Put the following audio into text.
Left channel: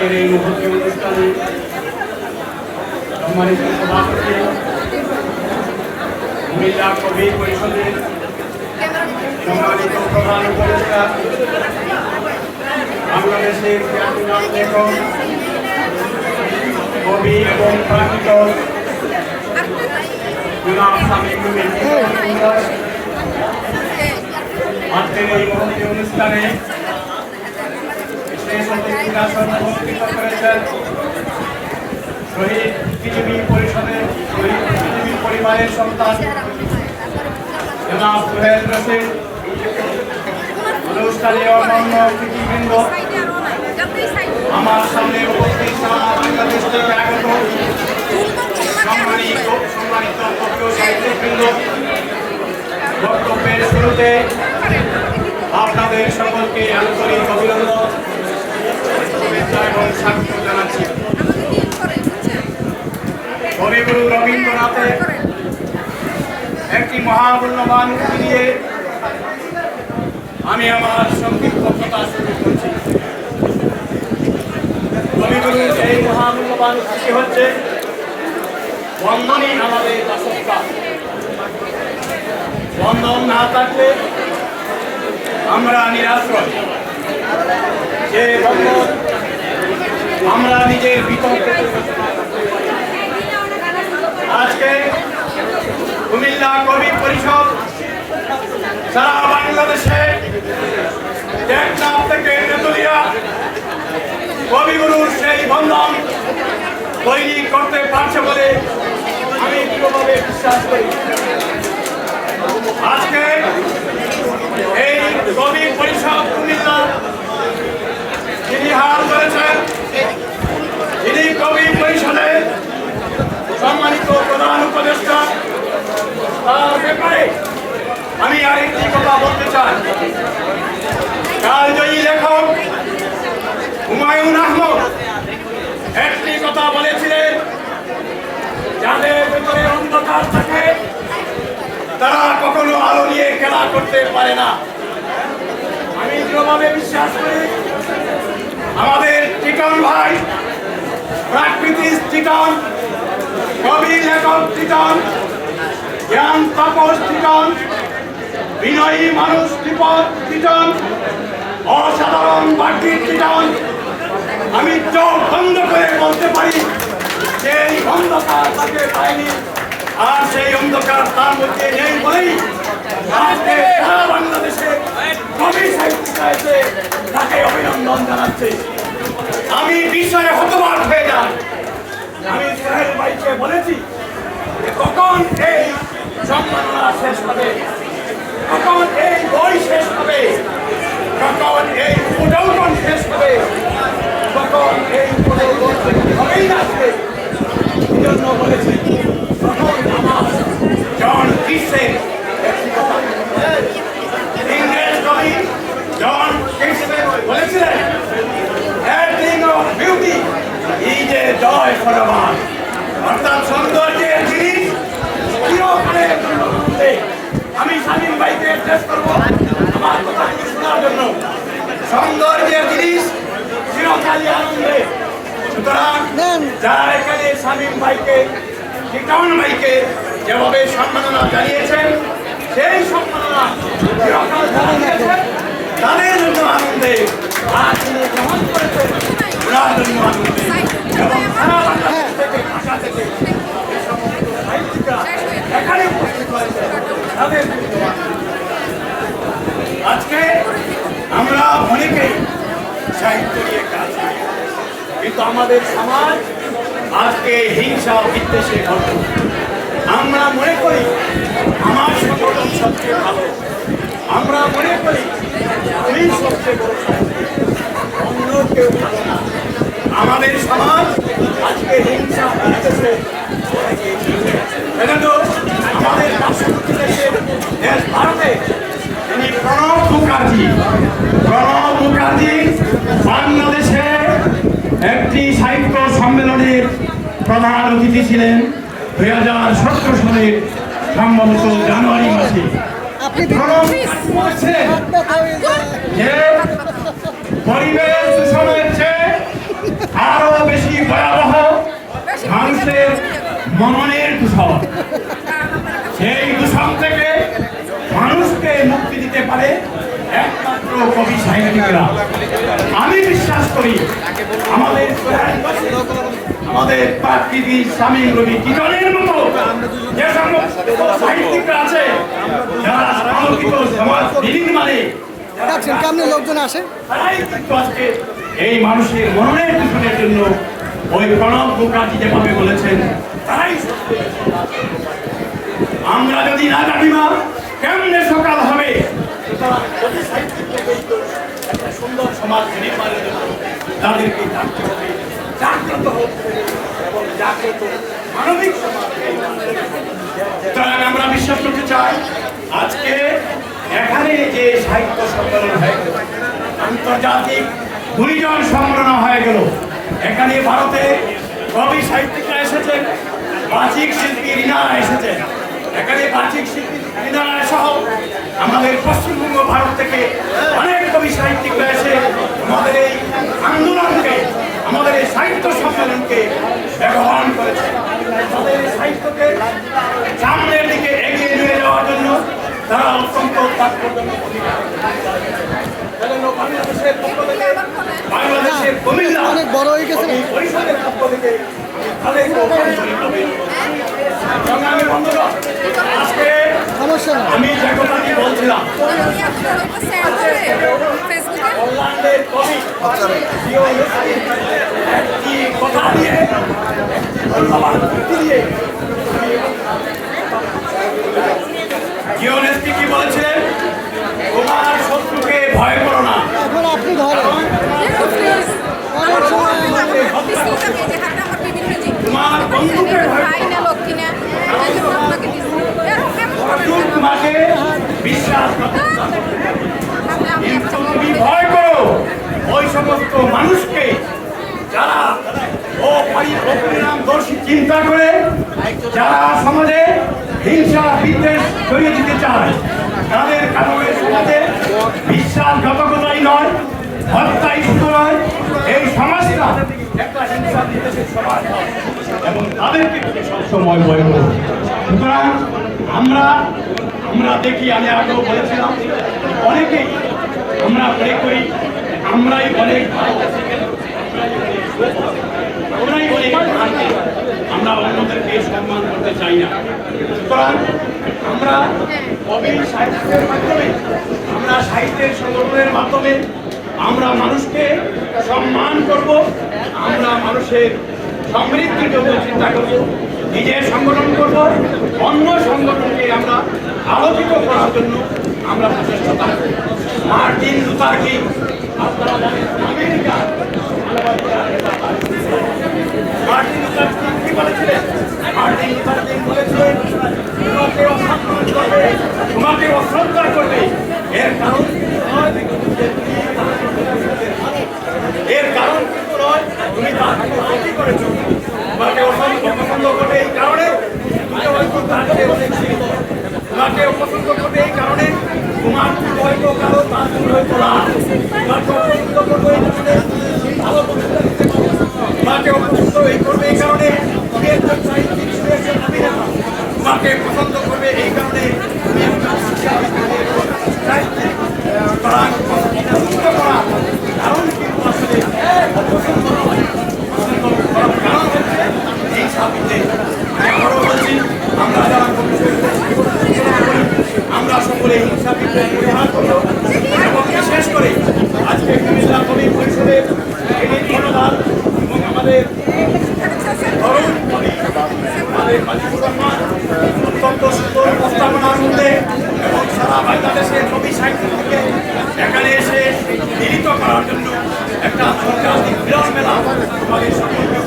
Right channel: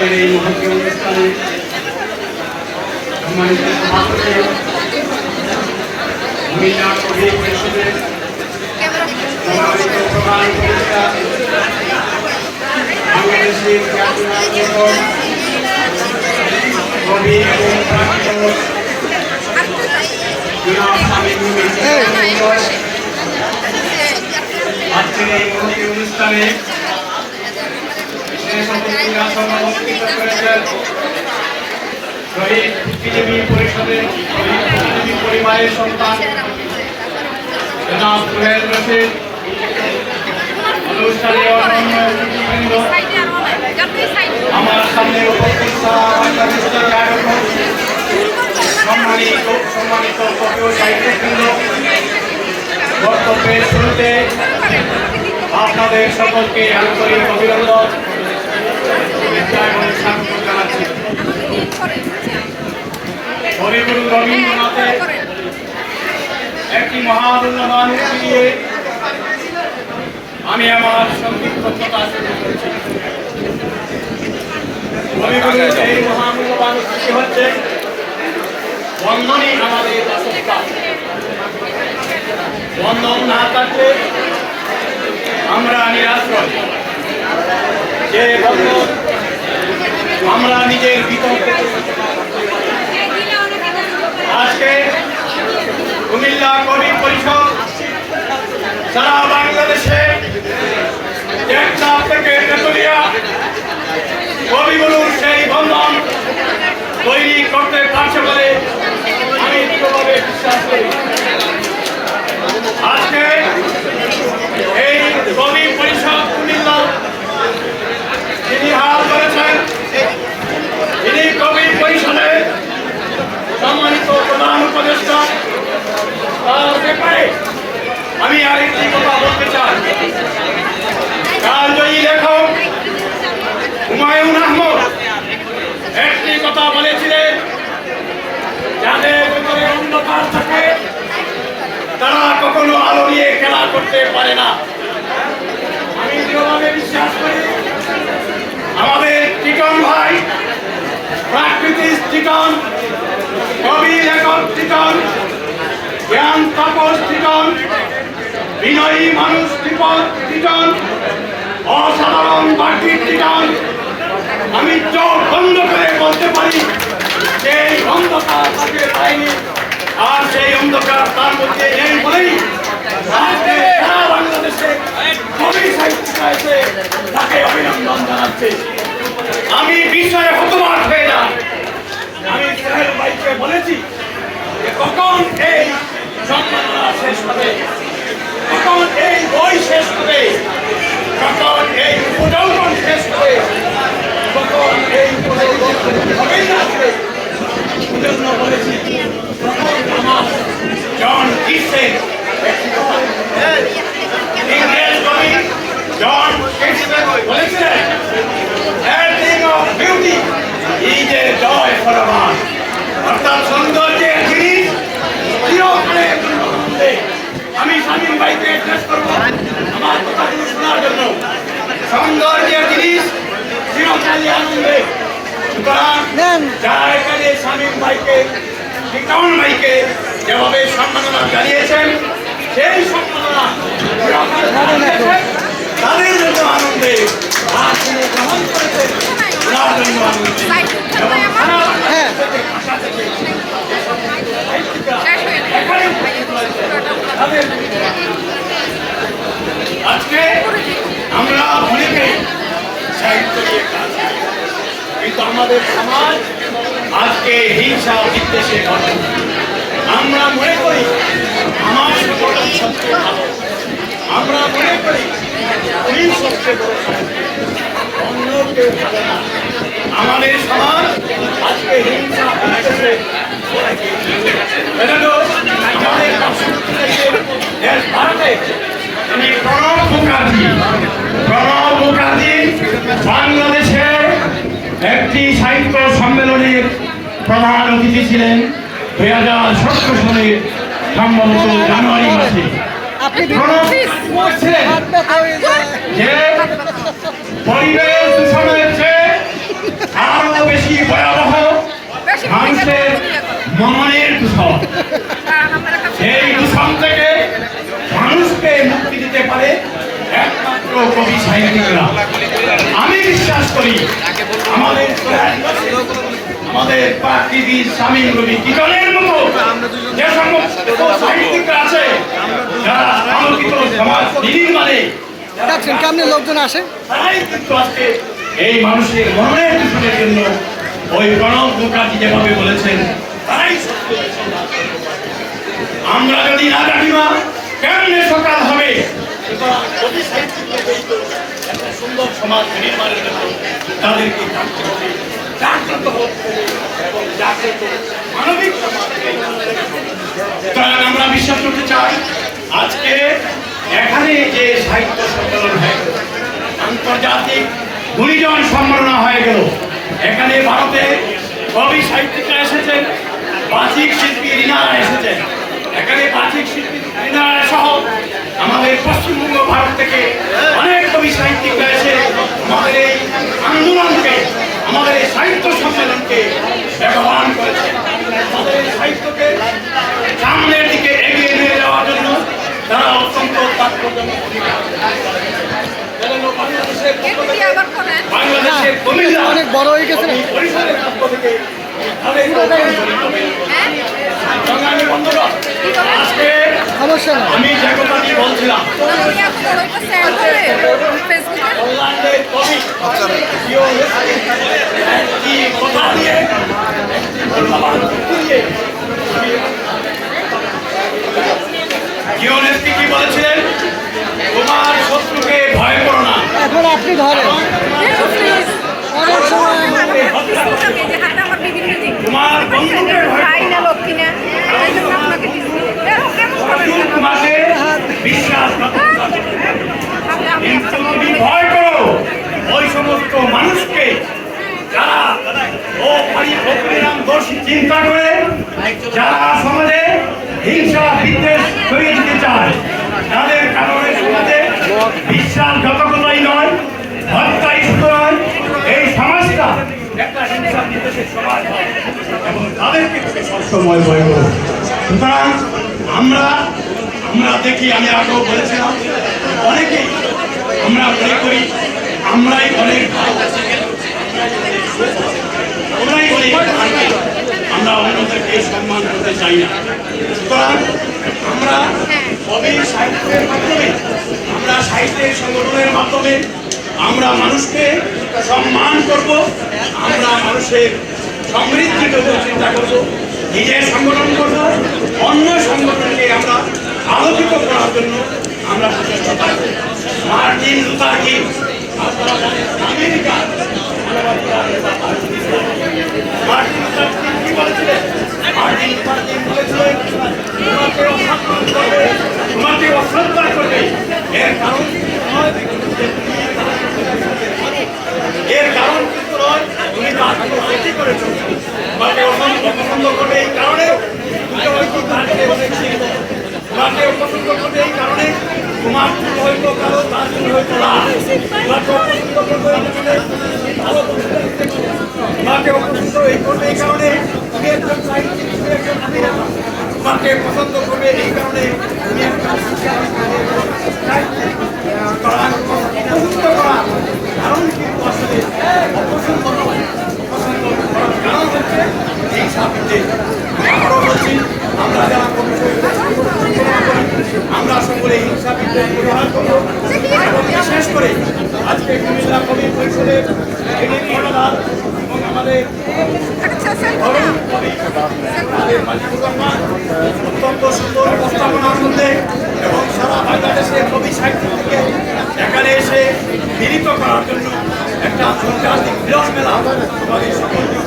আজকের এই মহতী অনুষ্ঠানে সম্মানিত সভাপতি মহিলা কবি পরিষদের সম্মানিত প্রধান উপদেষ্টা বাংলাদেশের খ্যাতিমান লেখক কবি এবং প্রাকৃত আজকের এই মহতী অনুষ্ঠানে বিশেষ অতিথিরা সভাপতিত্ব করেছেন শহীদ বিজেপি পরিষদের শহীদ বিজেপি পরিবারের সন্তান জনাব সোহেল রশিদ, অনুষ্ঠানে অন্যান্য অতিথিবৃন্দ, আমার সামনে উপস্থিত বাংলাদেশ থেকে আগত সম্মানিত কবি ও সাহিত্যিকবৃন্দ, বক্তব্যের শুরুতে আপনাদের সকলকে আন্তরিক অভিনন্দন, শুভেচ্ছা এবং স্বাগত জানাচ্ছি। কবিগুরু রবীন্দ্রনাথের একটি মহামূল্যবান উক্তি নিয়ে আমি আমার সংক্ষিপ্ত কথা শুরু করছি। কবিগুরুর এই মহামূল্যবান উক্তিটি হচ্ছে, বন্ধনই আমাদের বাসস্থান। বন্ধন না থাকলে আমরা নিরাশ্রয়। যে বন্ধন আমরা নিজের ভিতর থেকে আজকে কুমিল্লা কবি পরিষদ সারা বাংলাদেশে টেকনাফ থেকে তেতুলিয়া কবিগুরুর সেই বন্ধন তৈরি করতে পারছে বলে আমি দৃঢ়ভাবে বিশ্বাস করি। আজকে এই কবি পরিষদ কুমিল্লা যিনি হাল ধরেছেন, তিনি কবি পরিষদের সম্মানিত প্রধান উপদেষ্টা। তার ব্যাপারে আমি আরেকটি কথা বলতে চাই। কালজয়ী লেখক হুমায়ুন আহমদ একটি কথা বলেছিলেন, যাদের ভিতরে অন্ধকার থাকে তারা কখনো আলো নিয়ে খেলা করতে পারে না। আমি দৃঢ়ভাবে বিশ্বাস করি আমাদের টিটন ভাই, প্রাকৃতিক টিটন, কবি লেখক টিটন, জ্ঞান তাপস টিটন, বিনয়ী মানুষ টিটন, অসাধারণ বার্তিক টিটন। আমি চোখ বন্ধ করে বলতে পারি সেই অন্ধকার তাকে পায়নি, আর সেই অন্ধকার তার মধ্যে নেই বলেই আজকে সারা বাংলাদেশে কবি সাহিত্যিকা এসে তাকে অভিনন্দন জানাচ্ছে। আমি বিষয়ে হতবাক হয়ে যাই। আমি সোহেল ভাইকে বলেছি যে কখন এই সম্মাননা শেষ হবে, কখন এই বই শেষ হবে, কখন এই উপযৌবন শেষ হবে, কখন এই উপযৌবন হবেই না আসবে। জন্য বলেছি তখন আমার জন কিসের একটি কথা ইংরেজ কবি জন কিসের বলেছিলেন, everything of beauty is a joy for a man। অর্থাৎ সৌন্দর্যের জিনিস চিরকালের জন্য আনন্দে। আমি শামীম ভাইকে অ্যাড্রেস করবো আমার কথাগুলো শোনার জন্য। সৌন্দর্যের জিনিস চিরকালই আনন্দে। সুতরাং যারা এখানে শামীম ভাইকে, টিটন ভাইকে যেভাবে সম্মাননা জানিয়েছেন, সেই সম্মাননা চিরকাল তাদের জন্য আনন্দে, আর তিনি গ্রহণ করেছেন তার জন্য আনন্দে। এবং সারা বাংলাদেশ থেকে ভাষা থেকে এখানে উপস্থিত হয়েছে তাদের আজকে আমরা অনেকেই সাহিত্য নিয়ে কাজ করি, কিন্তু আমাদের সমাজ আজকে হিংসা বিদ্বেষে ভরা। আমরা মনে করি আমার সংগঠন সবচেয়ে ভালো, আমরা মনে করি উনি সবচেয়ে বড় সাহিত্যিক, অন্য কেউ ভালো না। আমাদের সমাজ আজকে হিংসা বিদ্বেষে আমাদের পার্শ্ববর্তী দেশের দেশ ভারতে তিনি প্রণব মুখার্জি বাংলাদেশে একটি সাহিত্য সম্মেলনের প্রধান অতিথি ছিলেন 2017 সালে সম্ভবত জানুয়ারি মাসে। যে পরিবেশ দূষণের চেয়ে কবি সাহিত্যিকরা। আমি বিশ্বাস করি আমাদের প্রাকৃতি স্বামী রবি কিরণের মতো যে সমস্ত সাহিত্যিকরা আছে যারা আলোকিত সমাজ নির্মাণে কেমন লোকজন আসে, তারাই কিন্তু আজকে এই মানুষের মনের দূষণের জন্য ওই প্রণব মুখার্জি যেভাবে বলেছেন তারাই আমরা যদি না কাটিমা কেমনে সকাল হবে। সুতরাং কবি সাহিত্যিকদের একটা সুন্দর সমাজ নির্মাণের জন্য তাদেরকে থাকতে হবে, জাগ্রত হতে হবে এবং জাগ্রত মানবিক সমাজ। সুতরাং আমরা বিশ্বাস করতে চাই আজকে এখানে যে সাহিত্য সম্মেলন হয়ে গেল, আন্তর্জাতিক গুণীজন সম্মেলন হয়ে গেল, এখানে ভারতে কবি সাহিত্যিকরা এসেছেন, বাচিক শিল্পী রিনারা এসেছেন, এখানে বাচিক শিল্পী রিনারা সহ আমাদের পশ্চিমবঙ্গ ভারত থেকে অনেক কবি সাহিত্যিকরা এসে আমাদের এই আন্দোলনকে, আমাদের এই সাহিত্য সম্মেলনকে ব্যবহার করেছে। আমাদের এই সাহিত্যকে সামনের দিকে এগিয়ে নিয়ে যাওয়ার জন্য তারা অত্যন্ত তাৎপর্যপূর্ণ ভূমিকা বাংলাদেশের কবিরা অনেক বড় হয়ে গেছে না? পরিষদের পক্ষ থেকে আজকে সমস্যা না, আমি যে কথাটি বলছিলাম কল্যাণের কবি একটি কথা দিয়ে জিওনেস্কি কি বলেছিলেন, তোমার শত্রুকে ভয় করো না, এখন আপনি ধরেন অনেক সময় তোমার বন্ধুকে ভয় করো না, অর্জুন তোমাকে বিশ্বাস কিন্তু তুমি ভয় করো ওই সমস্ত মানুষকে যারা পরিণাম দোষী চিন্তা করে, যারা সমাজে হিংসা বিদ্বেষ ছড়িয়ে দিতে চায়, তাদের কারণে সমাজে বিশ্বাসঘাতকতাই নয়, হত্যাই শুধু নয়, এই সমাজটা একটা হিংসা বিদ্বেষের সমাজ হয় এবং তাদেরকে তুমি সবসময় ভয় করো। সুতরাং আমরা দেখি, আমি আগেও বলেছিলাম, অনেকেই আমরা মনে করি আমরাই অনেক ভালো, আমরাই অনেক ভালো, আমরা অন্যদেরকে সম্মান করতে চাই না। সুতরাং আমরা কবি সাহিত্যের মাধ্যমে, আমরা সাহিত্যের সংগঠনের মাধ্যমে আমরা মানুষকে সম্মান করব, আমরা মানুষের সমৃদ্ধির জন্য চিন্তা করব, নিজের সংগঠন করব, অন্য সংগঠনকে আমরা আলোকিত করার জন্য আমরা প্রচেষ্টা করব। মার্টিন লুথার কিং, আপনারা জানেন আমেরিকার মার্টিন লুথার কিং কি বলেছিলেন? মার্টিন লুথার কিং বলেছিলেন, তোমাকে অসম্মান করবে, তোমাকে অশ্রদ্ধা করবে, এর কারণ কিন্তু নয় এর কারণ কিন্তু নয় তুমি তার ক্ষতি করেছো, তোমাকে অপছন্দ করবে এই কারণে তুমি হয়তো তার চেয়ে অনেক শিখবো, তোমাকে অপছন্দ করবে এই কারণে তোমার চুল হয়তো কালো, তার চুল হয়তো লাল, তোমাকে অপছন্দ করবে এই কারণে তুমি ভালো বক্তৃতা দিতে পারো, তোমাকে অপছন্দ করবে এই কারণে তুমি একজন সাহিত্যিক, তুমি একজন অভিনেতা, তোমাকে পছন্দ করবে এই কারণে তুমি একজন সাহিত্যিক। কারণ কিন্তু আসলে অপছন্দ নয়, অপছন্দ করার কারণ হচ্ছে এই সাহিত্যে। আবারও বলছি, আমরা যারা কবি করি আমরা সকলে হিংসা বিদ্বেষ পরিহার করব এবং বিশেষ করে আজকে কুমিল্লা কবি পরিষদের কর্ণধার এবং আমাদের তরুণ কবি আমাদের মাজিবুর রহমান অত্যন্ত সুন্দর উপস্থাপনার মধ্যে এবং সারা বাংলাদেশের কবি সাহিত্য থেকে এখানে এসে মিলিত করার জন্য একটা আন্তর্জাতিক মিলন মেলা আমাদের সকলকে